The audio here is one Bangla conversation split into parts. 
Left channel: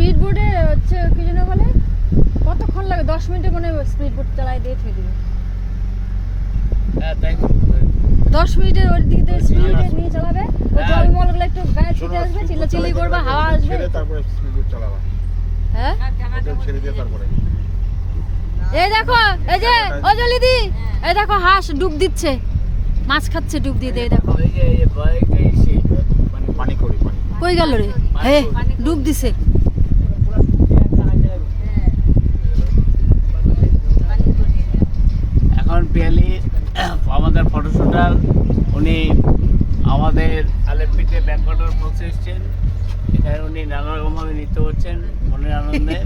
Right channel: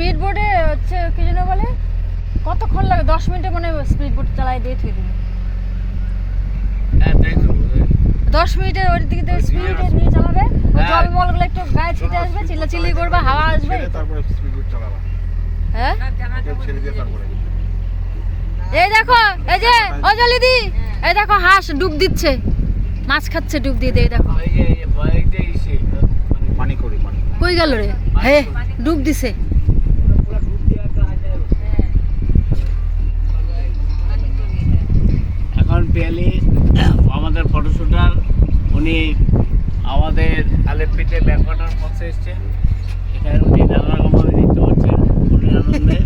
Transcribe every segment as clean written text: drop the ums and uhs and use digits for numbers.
স্পিড বোটে হচ্ছে কি যেন বলে, কতক্ষণ লাগে? 10 মিনিটে মনে হয় স্পিড বোট চালাই দিয়ে থুয়ে দিবে। হ্যাঁ তাই তো 10 মিনিটে ওর দিকে দিয়ে স্পিডে নিয়ে চালাবে, ওই জলমলগুলো একটু গায়ে ছিটে আসবে, চিল্লাচিল্লি করবে, হাওয়া আসবে, তারপরে স্পিড বোট চালাবা। হ্যাঁ ওটা ছেড়ে দিয়ে তারপরে এই দেখো, এই যে অজলিদি, এই দেখো হাঁস ডুব দিচ্ছে, মাছ খাচ্ছে ডুব দিয়ে, এই দেখো এই যে বাইকটা এসে পানি করি পানি। কই গেল রে, হে ডুব দিছে। এখন পিয়ালি আমাদের ফটোশুটার, উনি আমাদের আলেপ্পিতে ব্যাকওয়াটার ফক্সে এসছেন। এখানে উনি নানা রকমভাবে নৃত্য করছেন মনের আনন্দে।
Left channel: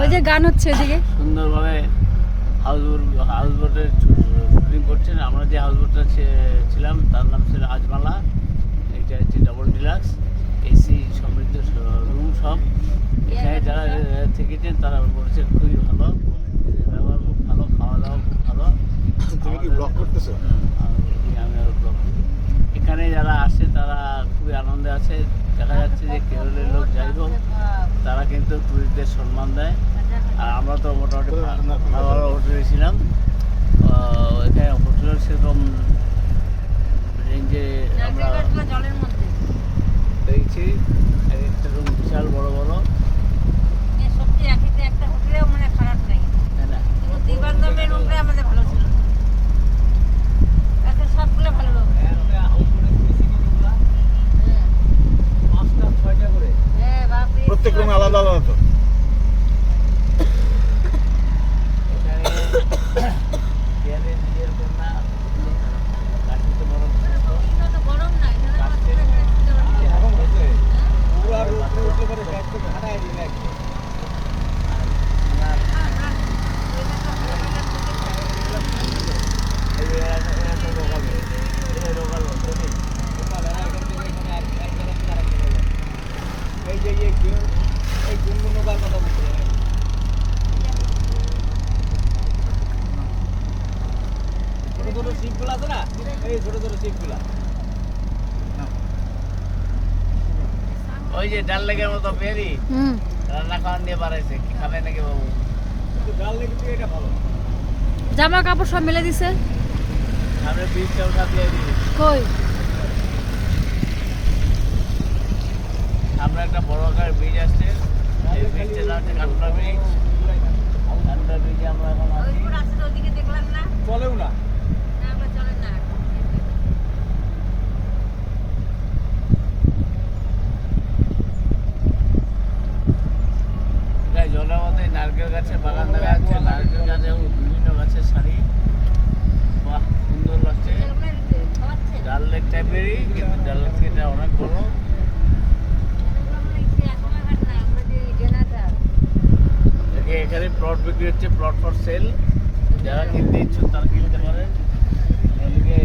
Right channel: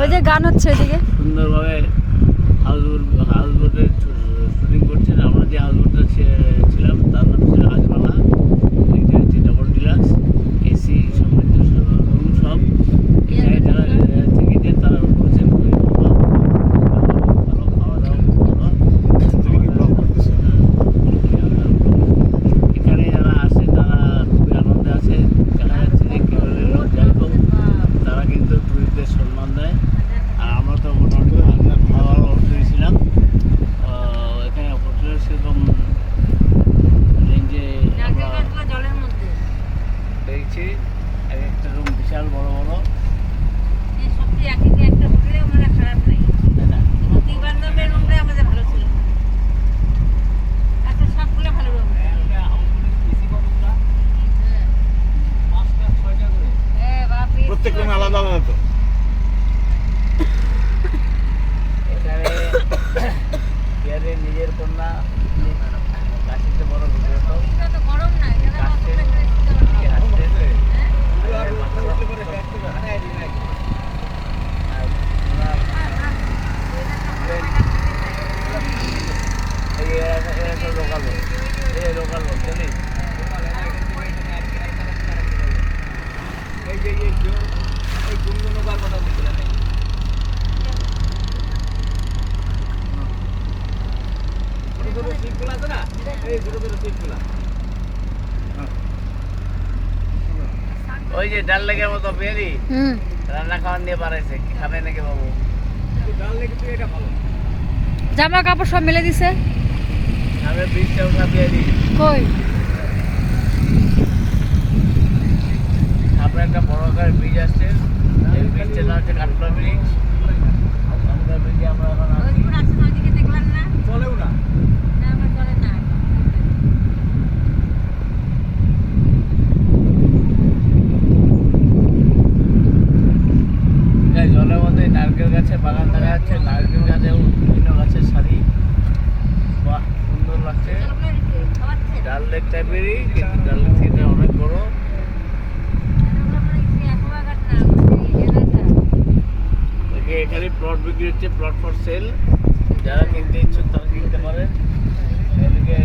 ওই যে গান হচ্ছে ওইদিকে, সুন্দরভাবে হাউস বোটের শুটিং করছেন। আমরা যে হাউস বোটটা ছিলাম তার নাম ছিল রাজমালা। এটা হচ্ছে ডবল ডিলাক্স, এসি সমৃদ্ধ রুম সব। এখানে যারা থেকেছেন তারা বলছেন খুবই ভালো, ভালো খাওয়া দাওয়া খুব ভালো। তুমি কি ব্লগ করতেছো? এখানে যারা আসে তারা খুবই আনন্দে আছে। দেখা যাচ্ছে যে কেরলের লোক যাই হোক তারা কিন্তু টুরিস্টদের সম্মান দেয়। আর আমরা তো মোটামুটি ভালো হোটেলে ছিলাম। এখানে হোটেলের সেরকম রেঞ্জে আমরা জলের মধ্যে পেয়েছি। এক একটা রুম বিশাল বড় বড়, সত্যি একেতে একটা হোটেলেও মানে খারাপ নাই। তাই না? নদী বান্ধবের রুমটাই আমাদের ভালো ছিল, আচ্ছা সবগুলো ভালো রুম। প্রত্যেক রুমে আলাদা আলাদা তো। এখানে পিয়ারের নিজের কন্যা কাশিতে বড় ঘুরতো। এটা তো গরম না, এটা ওই যে ডাল লেগের মতো পেয়ারি রান্না খাওয়ার নিয়ে বাড়াইছে, কি খাবে নাকি বাবু? ডাল লেগে তো এটা ভালো। জামা কাপড় সব মেলে দিছে। আমরা 20টা উঠা পেয়ারি। কই সামনে একটা বড় আকার ব্রিজ আসছে, এই ব্রিজটার নাম হচ্ছে কাটলা ব্রিজ। কাটলা ব্রিজে আমরা এখন আছি। ওইগুলো আছে ওইদিকে দেখলাম না, চলেও না, না আমরা চলে না। এই জলের মধ্যে নারকেল গাছের বাগান দেখা যাচ্ছে, নারকেল গাছেও বিভিন্ন গাছের সারি। বাহ সুন্দর লাগছে। জলগুলো খাওয়াচ্ছে ডাল লেক টাইপেরই, কিন্তু ডাল লেক থেকে অনেক বড়। এখানে প্লট বিক্রি হচ্ছে, প্লট ফর সেল। যারা কিনতে ইচ্ছুক তারা কিনতে পারেন। এদিকে